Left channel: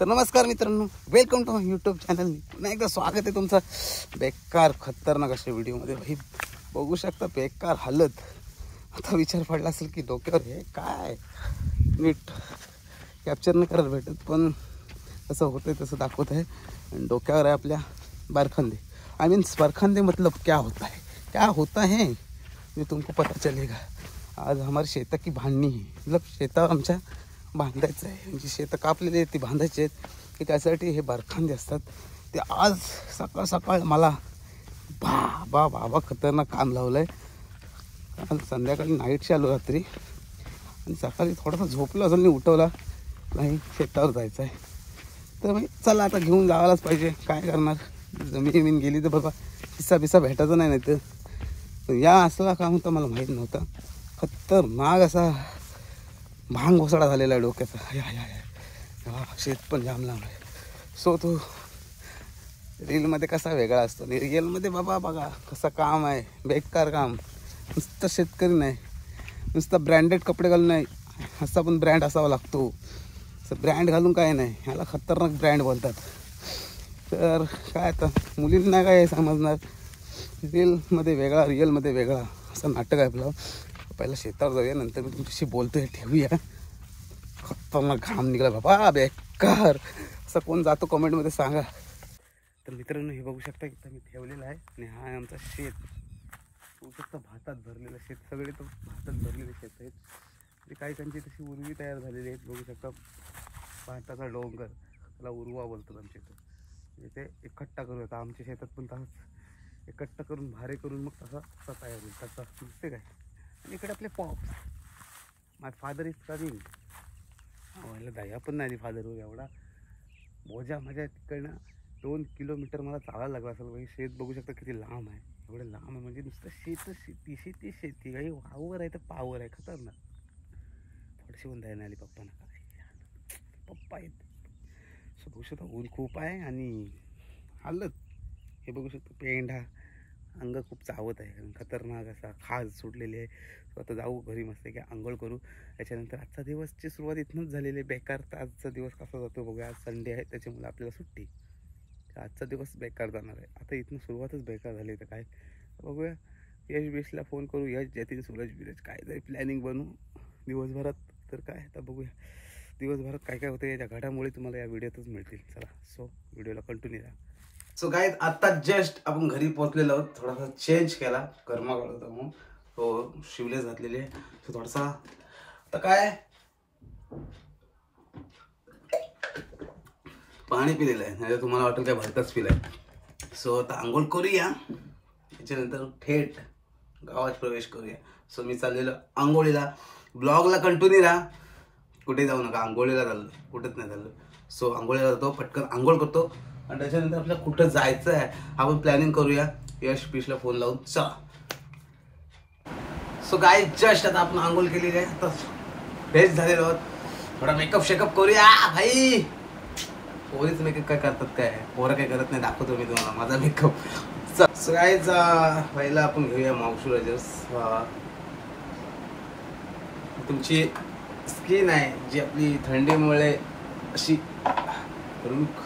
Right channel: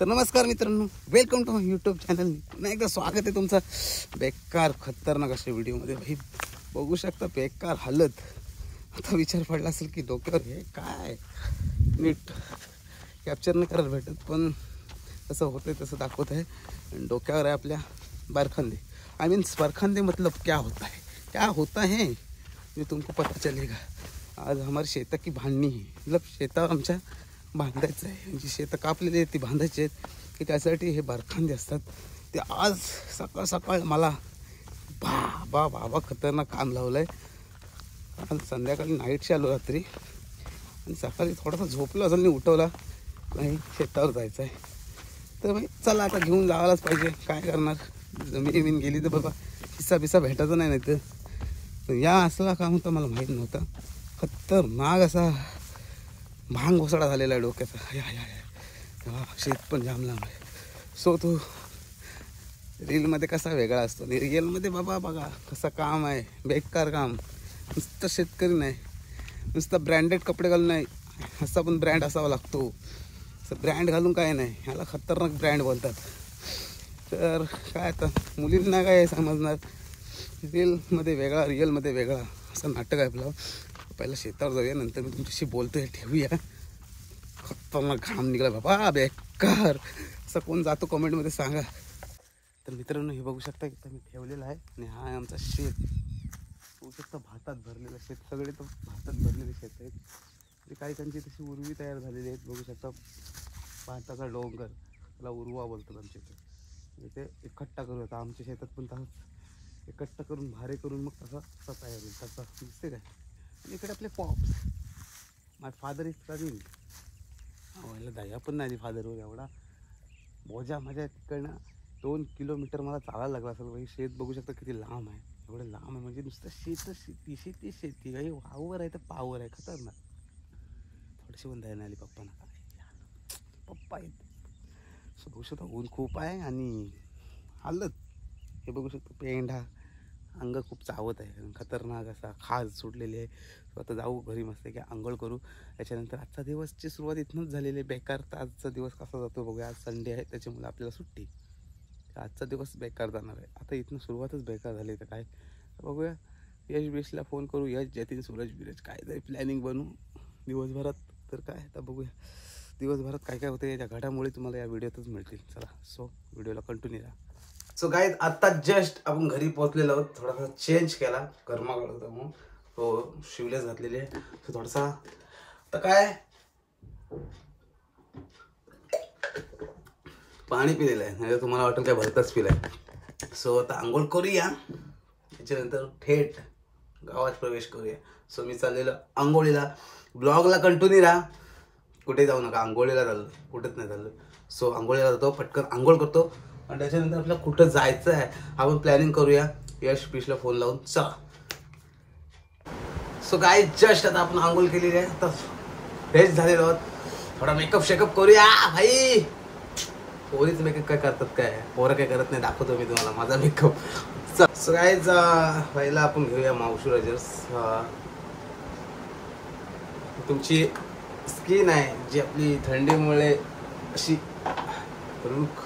तर नमस्कार मित्रांनो, welcome to my YouTube channel. पुन्हा एकदा स्वागत आहे तुमचं बेकार खतरनाक अशा व्हिडिओमध्ये. भाई बघू शकता बेकार हालत. आता विचार पडला असेल की डोक्यावर हे काय नीट कॅप्चर नाही करत भेटत, पण कसं होतं तसं दाखवत आहे. आणि डोक्यावर आहे आपल्या बारखांदे. आई मीन्स बारखांदे मतलब क्या होता है ये तुमको पता चलेगा. आज हमारे शेता की भांडणी है, मतलब शेता आमच्या बांधायचं आहे. म्हणजे शेतं कापलेली आहेत ती बांधायची आहेत की त्यासाठी हे बारखांदे असतात. ते आज सकाळ सकाळ मला बाबा खतरनाक काम लावलं आहे. कारण संध्याकाळी नाईटशी आलो रात्री आणि सकाळी थोडासा झोपलो असेल नाही, उठवला नाही, शेतावर जायचं आहे. तर भाई चला आता घेऊन जायलाच पाहिजे, काय करणार. जमीन गेली तर बाबा हिस्सा बिस्सा भेटायचा नाही. तर या असला काम होता मला माहीत नव्हतं. खतरनाक असा भांग घोसाळा झालेला आहे डोक्याचा. शेत पण जाम लांब आहे. सो तो रीलमध्ये कसा वेगळा असतो आणि रिअलमध्ये बाबा बघा कसं काम आहे, बेकार काम. नुसतं शेतकरी नाही, नुसतं ब्रँडेड कपडे घालून नाही, असा पण ब्रँड असावा लागतो. ब्रँड घालून काय नाही, ह्याला खतरनाक ब्रँड बोलतात. तर काय आता मुलींना काय समजणार, रीलमध्ये वेगळा रिअलमध्ये वेगळा असं नाटक आहे आपलं. पहिला शेतावर जाऊया, नंतर मी तुमच्याशी बोलतोय, ठेवूया. खतरनाक घाम निघाला बाबा, बेकार. असं कोण जातो कमेंटमध्ये सांगा. तर मित्रांनो हे बघू शकता की मी ठेवलेलं आहे आणि हा आहे आमचा शेत. बघू शकता भातात भरलेलं शेत, सगळे तर भातात भरलेले शेत आहेत. ते काही त्यांची तशी उर्वी तयार झालेली आहेत. बघू शकता भाताचा डोंगर, त्याला उर्वा बोलतात आमच्या इथं. म्हणजे ते एकट्ठा करू आता आमच्या शेतात पण तसंच एकट्ठा करून भारे करून मग तसा तयार होईल. तसा दिसते काय. आणि इकडे आपले pops, my father is coming. व्हायला दया पण नाही फादरवर. एवढा बोजा माझ्या तिकडनं 2 किलोमीटर मला चालायला लागला असेल. भाई शेत बघू शकता किती लांब आहे. एवढं लांब आहे म्हणजे नुसतं शेती काही वावर आहे तर पावर आहे. खतरनाक. थोडीशी पण दया नाही आली पप्पांना. पप्पा आहेत. सो बघू शकता ऊन खूप आहे आणि हालत हे बघू शकतो. पेंढा अंग खूप चावत आहे, खतरनाक असा खाज सुटलेली आहे. सो आता जाऊ घरी मस्त की आंघोळ करू. त्याच्यानंतर आजचा दिवसची सुरुवात इथनंच झालेली आहे. बेकार. तर आजचा दिवस कसा जातो बघूया. आज संडे आहे त्याच्यामुळे आपल्याला सुट्टी. आजचा दिवस बेकार जाणार आहे. आता इथनं सुरुवातच बेकार झाली. तर काय बघूया, यश बिशला फोन करू. यश जतीन सूरज काय तरी प्लॅनिंग बनवू दिवसभरात. तर काय आता बघूया दिवसभरात काय काय होतं. याच्या घडामोडी तुम्हाला या व्हिडिओतच मिळतील. चला सो व्हिडिओला कंटिन्यू राहा. सो गाईज आता जस्ट आपण घरी पोहोचलेलो आहोत. थोडासा चेंज केला, गरमा काढत म्हणून हो शिवलेस घातलेले आहे. सो थोडासा आता काय पाणी पिलेलं आहे, नाही तुम्हाला वाटेल काय भरताच पिलाय. सो आता आंघोळ करूया, त्याच्यानंतर थेट गावात प्रवेश करूया. सो मी चाललेलो आंघोळीला. ब्लॉगला कंटिन्यू राहा, कुठे जाऊ नका. आंघोळीला चाललो, कुठेच नाही चाललो. सो आंघोळीला जातो, पटकन आंघोळ करतो आणि त्याच्यानंतर आपल्याला कुठं जायचं आहे आपण प्लॅनिंग करूया. यश पिशला फोन लावून चला. सो काय जस्ट आता आपण आंघोळ केलेली आहे, आता फ्रेश झालेलो आहोत. थोडा मेकअप शेकअप करूया. भाई पोरीच मेकअप काय करतात, काय पोरं काय करत नाही, दाखवतो मी तुम्हाला माझा मेकअप. सो काय पहिला आपण घेऊया मावशूरा ज्यूस. तुमची स्किन आहे जी आपली थंडीमुळे अशी रुख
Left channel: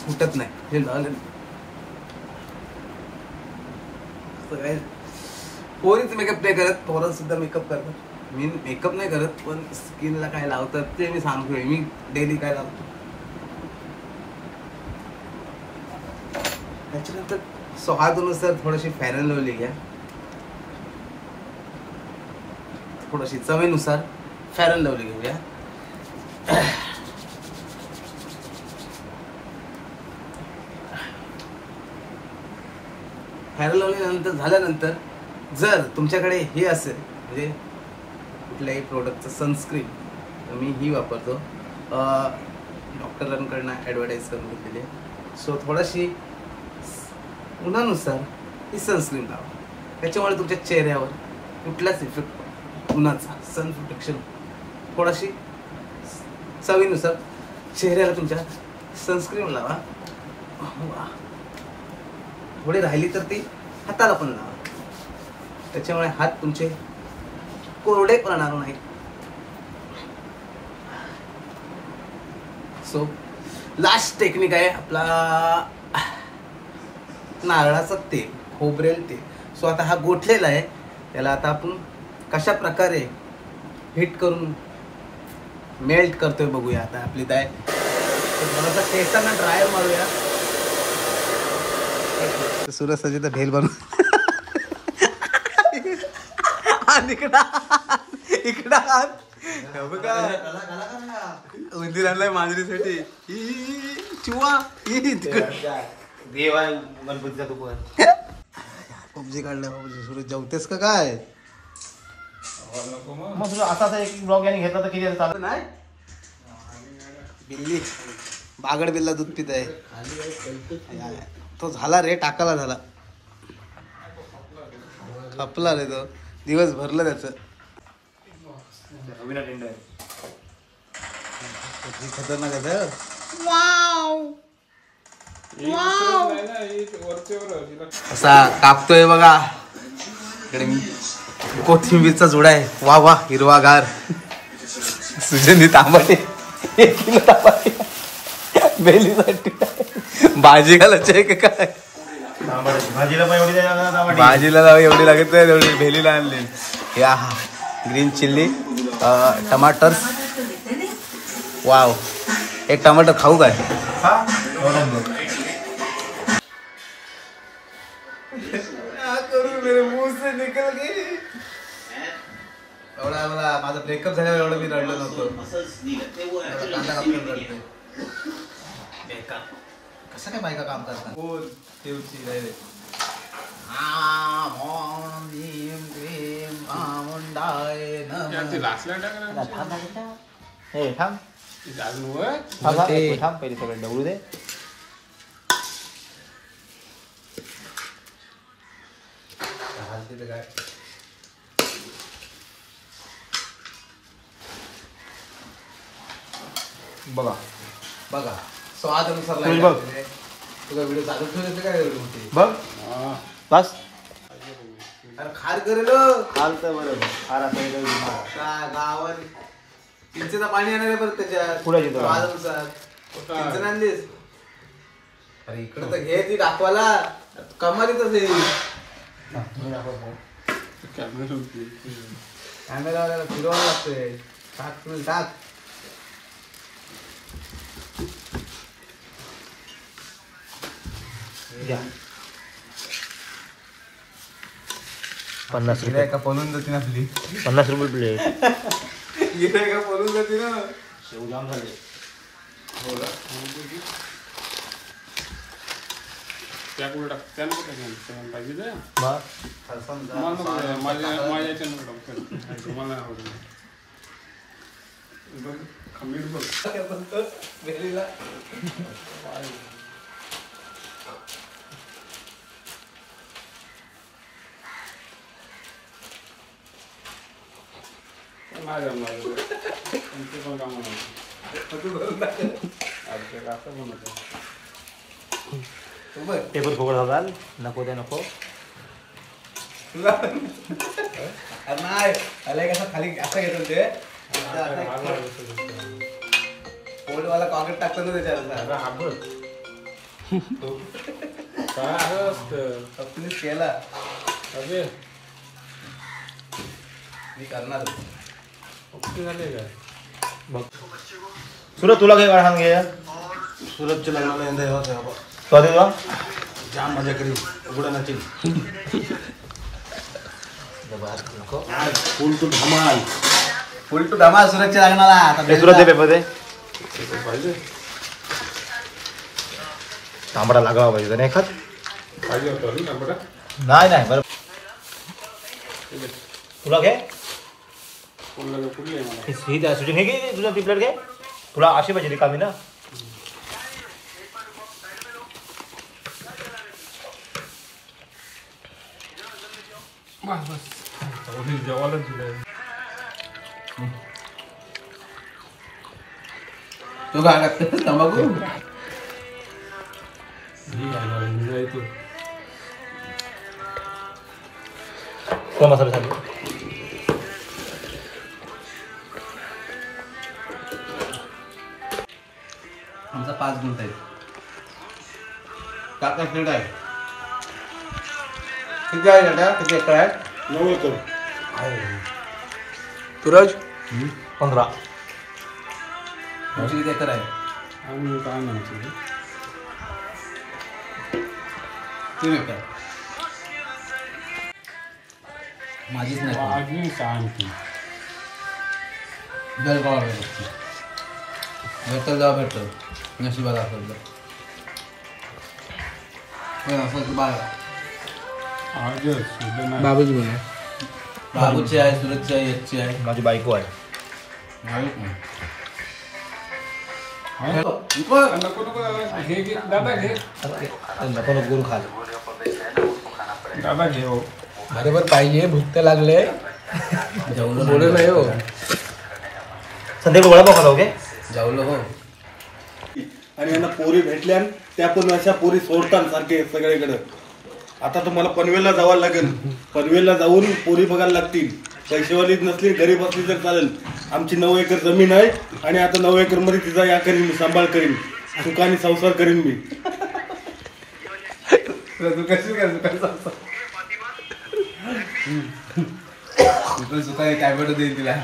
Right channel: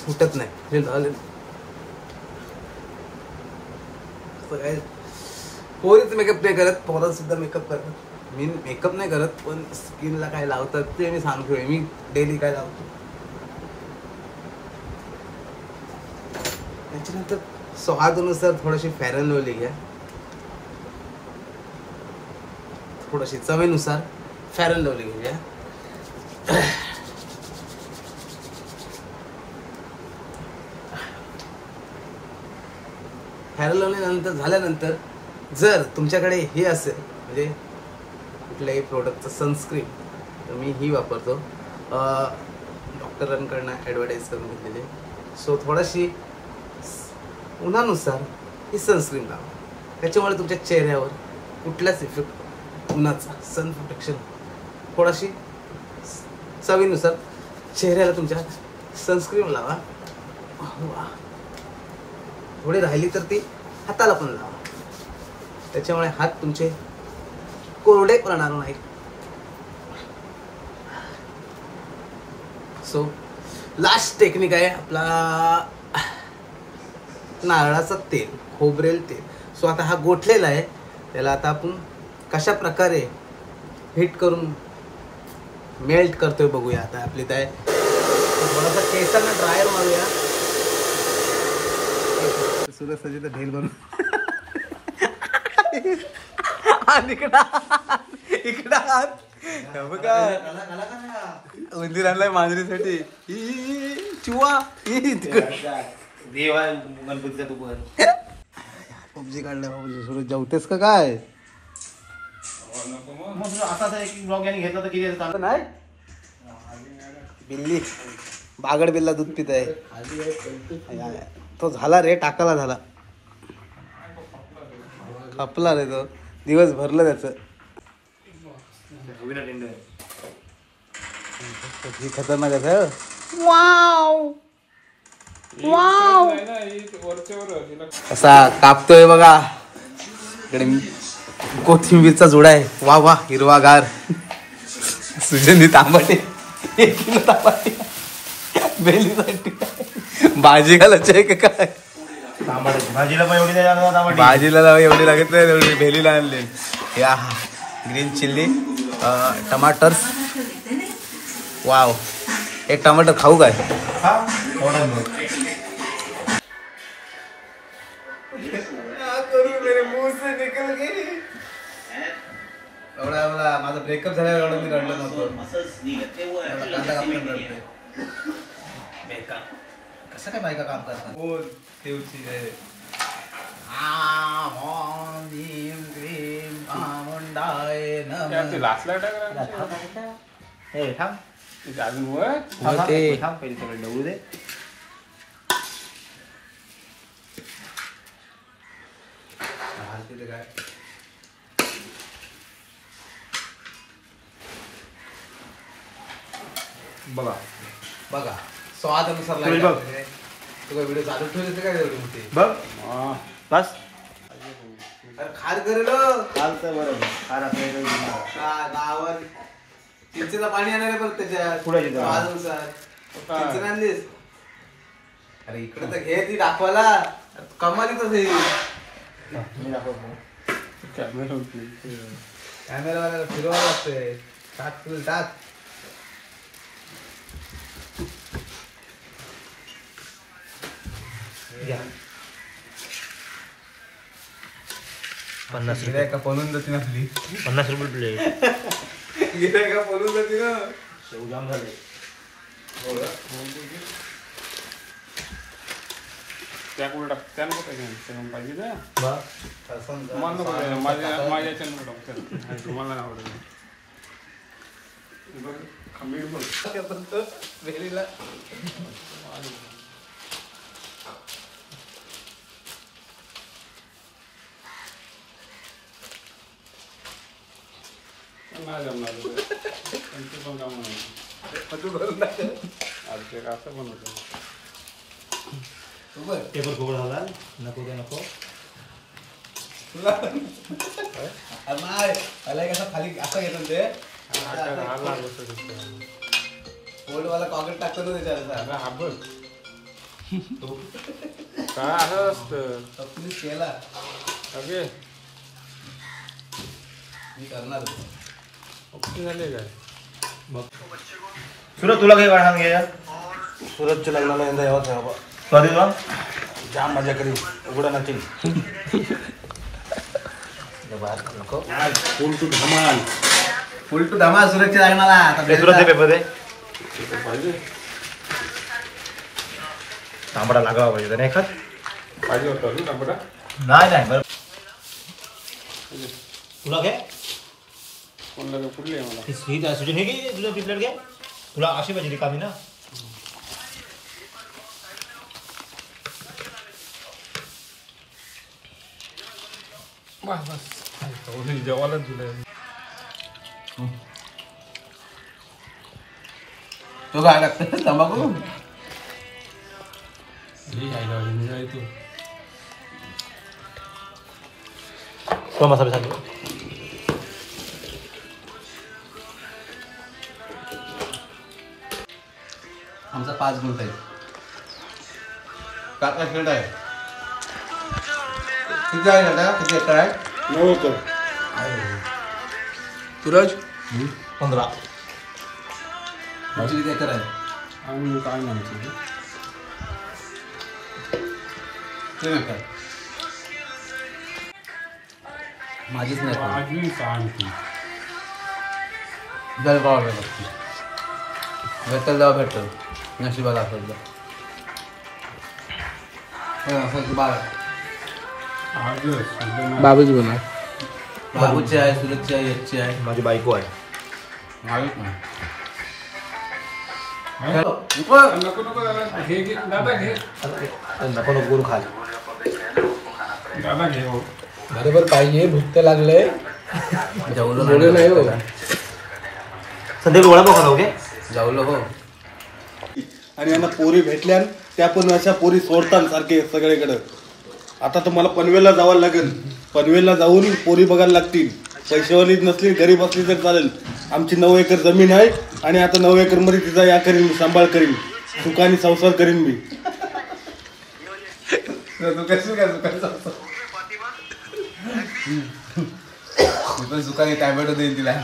फुटत नाही हे झालं. पोरीच मेकअप नाही करत, पोरं सुद्धा मेकअप करतात. मी मेकअप नाही करत, पण स्किनला काय लावतात ते मी सांगतोय. मी डेली काय लावतो. त्याच्यानंतर स्वादानुसार थोडीशी फेअर अँड लवली घ्या, थोडीशी चवीनुसार फेअर अँड लवली घ्या. फेअर अँड लवली नंतर झाल्यानंतर जर तुमच्याकडे हे असेल म्हणजे कुठल्याही प्रोडक्टचं सनस्क्रीन, तर मी ही वापरतो. डॉक्टरांकडनं ॲडव्हर्टाईज करून घेतलेली. सो थोडीशी उन्हानुसार ही सनस्क्रीन लावा. त्याच्यामुळे तुमच्या चेहऱ्यावर कुठलाच इफेक्ट उन्हाचा सन प्रोटेक्शन. थोडीशी चवीनुसार चेहऱ्याला तुमच्या सनस्क्रीन लावा. थोडी राहिली तर ती हाताला पण लावा. त्याच्यामुळे हात तुमचे कोरडे पडणार नाही. सो लास्ट टेक्निक आहे आपला नारळाचं तेल, खोबरेल तेल. सो आता हा गोठलेला आहे, त्याला आता आपण कशा प्रकारे हीट करून मेल्ट करतोय बघूया. आता आपली काय थोडासा केसांना ड्रायर मारूया. सूरज सजी तर भेल बनवून इकडा उंदीर आणलाय मांजरीसाठी. चिवा देवा गणपतीचा तू पण पबजी काढलाय बाबूजी. सूरज जेवतेस का काय? असा एक ब्लॉग याने घेतला तर किती चालतं नाही. बिल्ली बागड बिल्ला दूध पित आहे. तो झाला रे, टाकाला झाला, खपला रे तो. दिवस भरलं त्याचं. खतरनाक आहे. असा कापतोय बघा. इकडे कोथिंबीरचा जुडा आहे. वा वा, हिरवागार. सुजनी तांबाटे, 1 किलो तांबाटे बेलीसाठी भाजी घालायची आहे का काय? भाजीला पण एवढी भाजीला एवढी लागत नाही, एवढी भेलीला आणली. या ग्रीन चिल्ली, टमाटर. वाव, एक टमाटर खाऊ काय? एवढा माझा ब्रेकअप झाल्यावर एवढं मी रडलो नव्हतो. कसं काय बायका काम करतात? बघा बघा, स्वादानुसार तुझा व्हिडिओ चालू ठेवले काय एवढी मोठी बघ बस. अरे खार करेल चालतं बरोबर. गावात चिंचेचं पाणी आणायला परत त्याच्यात स्वादानुसार चिंचन आणलीस. अरे इकडे तर घे ती दाखवायला, कमालीच कॅमेरावाल्याला फिरवायला लागतंय. टाक तुला टाक. गिरायका पळून जाते ना आपली. 50 रुपये प्लेट. गिरायका पळून जाते ना. शेव जाम झाले. पेपर फोकट झाला नको ते नको. नाही आलाय कसं खाली असं घेतो ते पोटवाला कॉकेट टाकतो ना त्याच्यावर. केला मी करणार. सूरज तुला काही वाढ घे. सूरजच्या लग्नाला यंदा यावं सॉरी बा. जाम मजा करी उघडा नाची. फुल टू धमाल, फुल टू धमाल सूरजच्या लग्नाला. सूरज पेपर दे. तांबडा लागावा पाहिजे नाही खात पाहिजे होतं तांबडा. नाही तुला घे. ही शूटिंग हे घे तुला ती प्लेट घे. तुला अशी पाहिजे रिकामी ना. जेवायलाच दिलं. तो काय लागतं तंबाखू. कोण मसाले सांगे. आमचा 5 गुंठ आहे. काका शेड आहे. किती आहे शेड? किती एकर आहे? 9 एकर. सूरज 15. तुमची किती एकर आहे? आणि काय म्हणायचं 3 एकर. माझीच नाही पण. अजून सांगतो जळगाव भेटतो. भेटल जेव्हा भेटल नशिबाला असेल तर. असेल बाळ आजच बाबूच बोला. बाबूची आहे, सुरतची आहे, याची आहे. माझी बायको आहे. माहीत नाही. नको नको हे घे दादा घे नको नको गुरु खाल. दादा घे हो बरोबर पाहिजे. भूक तर लागले. जेवलो नाही हो. संध्याकाळी वडा पाव खातो ओके. जेवलो हो. आणि यांना पोरी भेटल्या त्या पण अशा पोरी सोडतात सारखे सगळीकडे. आता तर मला पनवेलला जावं लागेल. पनवेलला जाऊन पोरी बघायला लागतील. पैसेवाली नसली गरीब असली तर चालेल. आमची 9 एकर जमीन आहे आणि आता 9 एकर मध्ये तिचा या करीन मी, सांभाळ करीन, सुखाने संसार करीन मी. तू कशी काय सुखाने टॅमॅटो देईन तिला.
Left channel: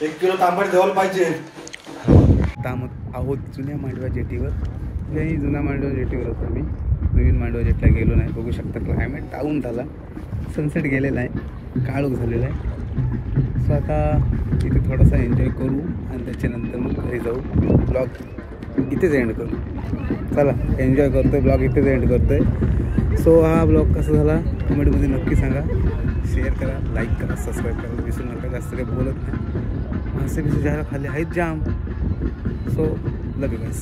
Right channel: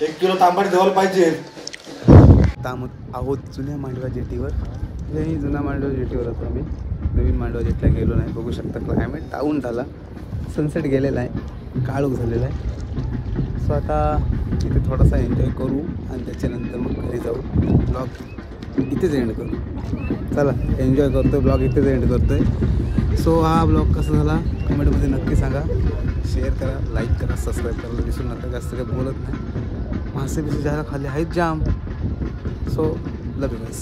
1 किलो तांबट द्यायला पाहिजे. तामत आहोत जुन्या मांडवा जेटीवर. जुन्या मांडवा जेटीवर होतो आम्ही. नवीन मांडवा जेटला गेलो नाही. बघू शकता क्लायमेट टाऊन झाला. सनसेट गेलेला आहे. काळोख झालेला आहे. सो आता इथे थोडासा एन्जॉय करू आणि त्याच्यानंतर मग घरी जाऊ. ब्लॉग इथेच एंड करू. चला एन्जॉय करतो आहे. ब्लॉग इथेच एंड करतो आहे. सो हा ब्लॉग कसा झाला कमेंटमध्ये नक्की सांगा. शेअर करा, लाईक करा, सबस्क्राईब करायला विसरू नका. जास्त काही बोलत नाही. मासे बिसे जायला खाली आहेत जाम. So love you guys.